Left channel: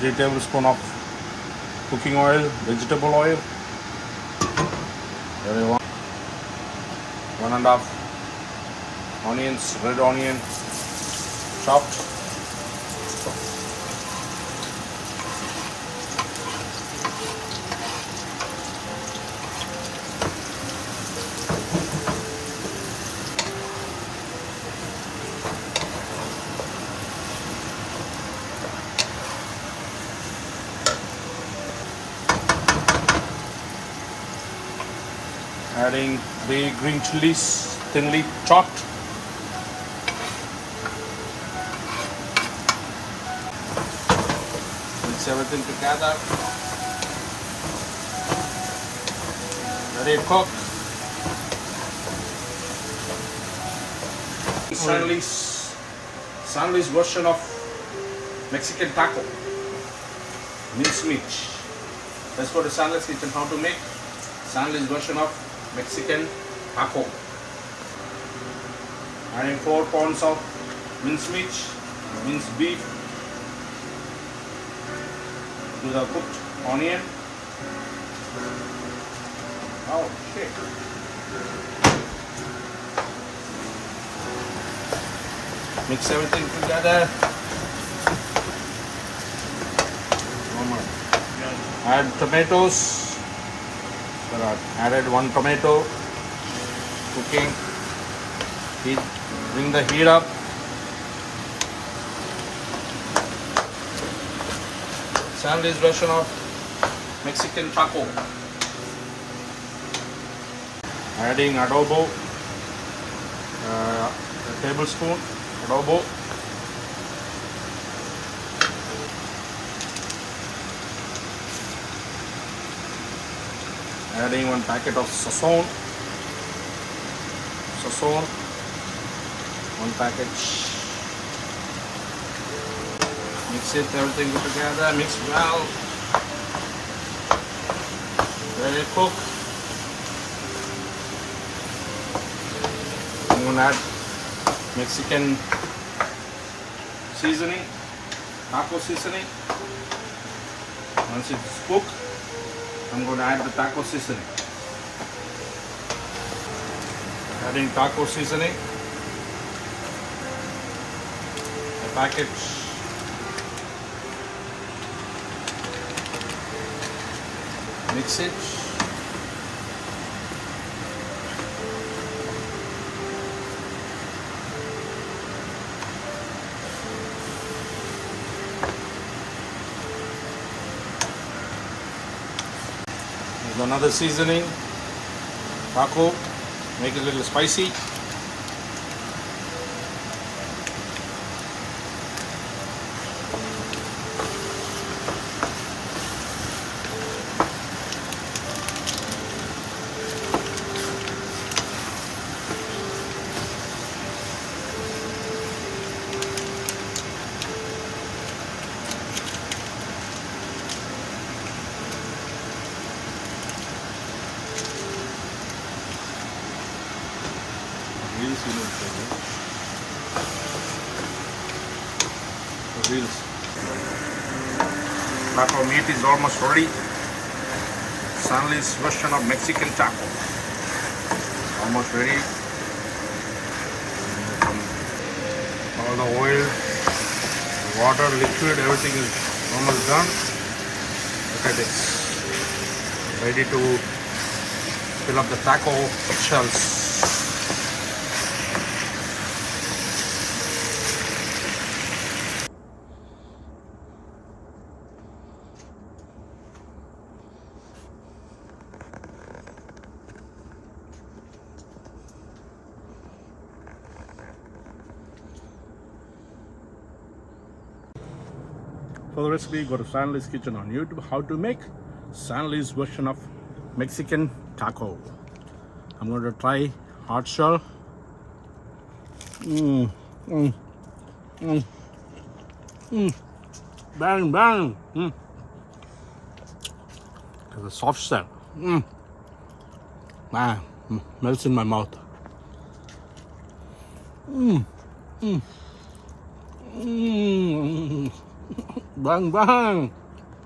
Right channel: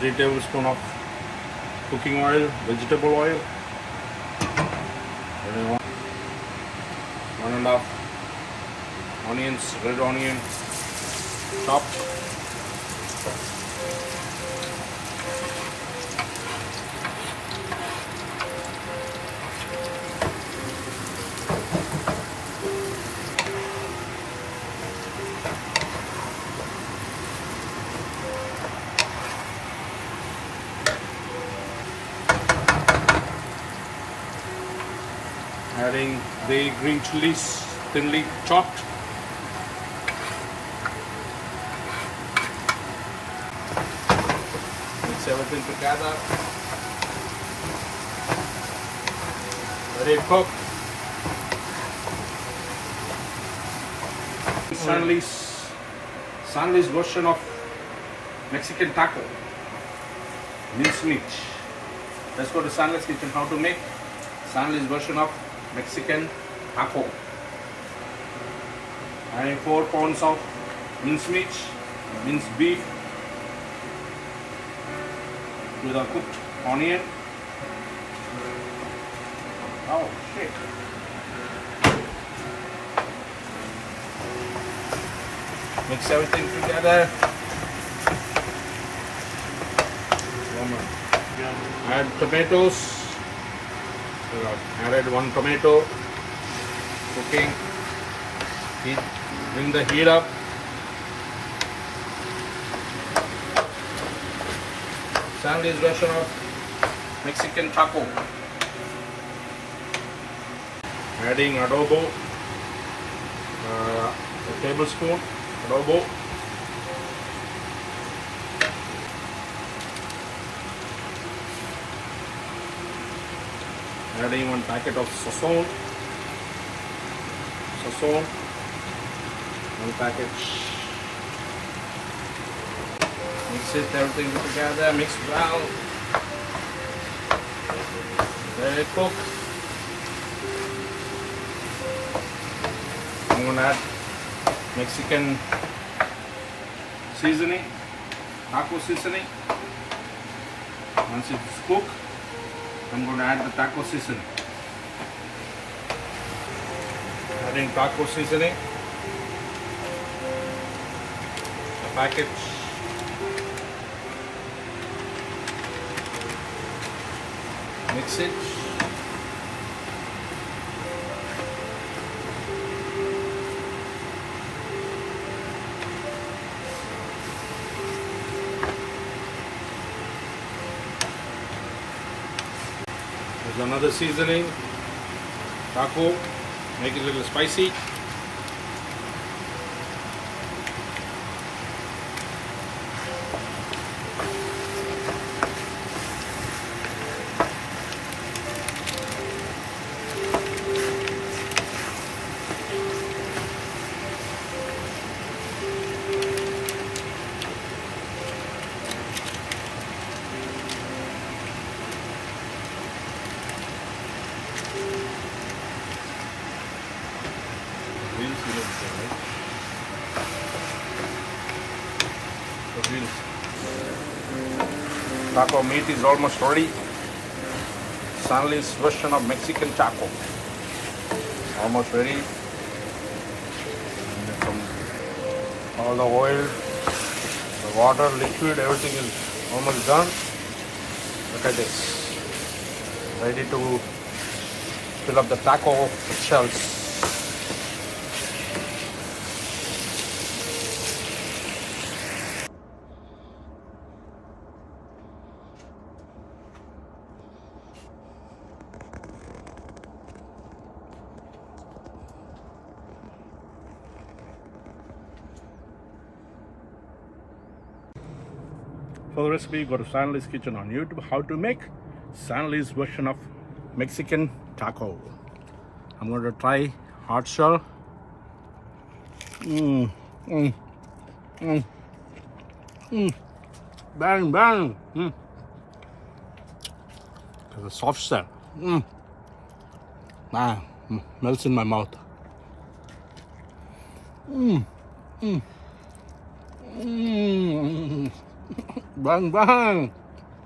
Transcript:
3 tablespoons of cooking oil, vegetable oil, and 1.5 onions, red onion, chopped. Adding 3 green chilies, thinly chopped. Mix everything together. Let it cook. SanLee's version of Mexican taco. Mincemeat. Let's go to SanLee's kitchen. How to make SanLee's version of Mexican taco. Adding 4 pounds of mincemeat, minced beef to the cooked onion. Oh shit. Mix everything together. Add tomatoes. Added 1 tomato. Cooking. Bring the heat up. SanLee's version of Mexican taco. Adding adobo. A tablespoon adobo. Adding 1 packet of sazon. 1 package. Mix it, everything together. Mix well. Let it cook. I'm gonna add Mexican seasoning, taco seasoning. Once it's cooked, I'm going to add the taco seasoning. Adding taco seasoning. The package. Mix it. Another seasoning, taco, make it a little spicy. Taco meat is almost ready. SanLee's version of Mexican taco. Almost ready. All the oil, the water, liquid, everything is almost done. Look at this. Ready to fill up the taco shells. For the recipe, go to SanLee's Kitchen on YouTube. How to make SanLee's version of Mexican taco. I'm going to try hard shell. Bang, bang. There's a soft shell. Melts in my mouth. Bang bang.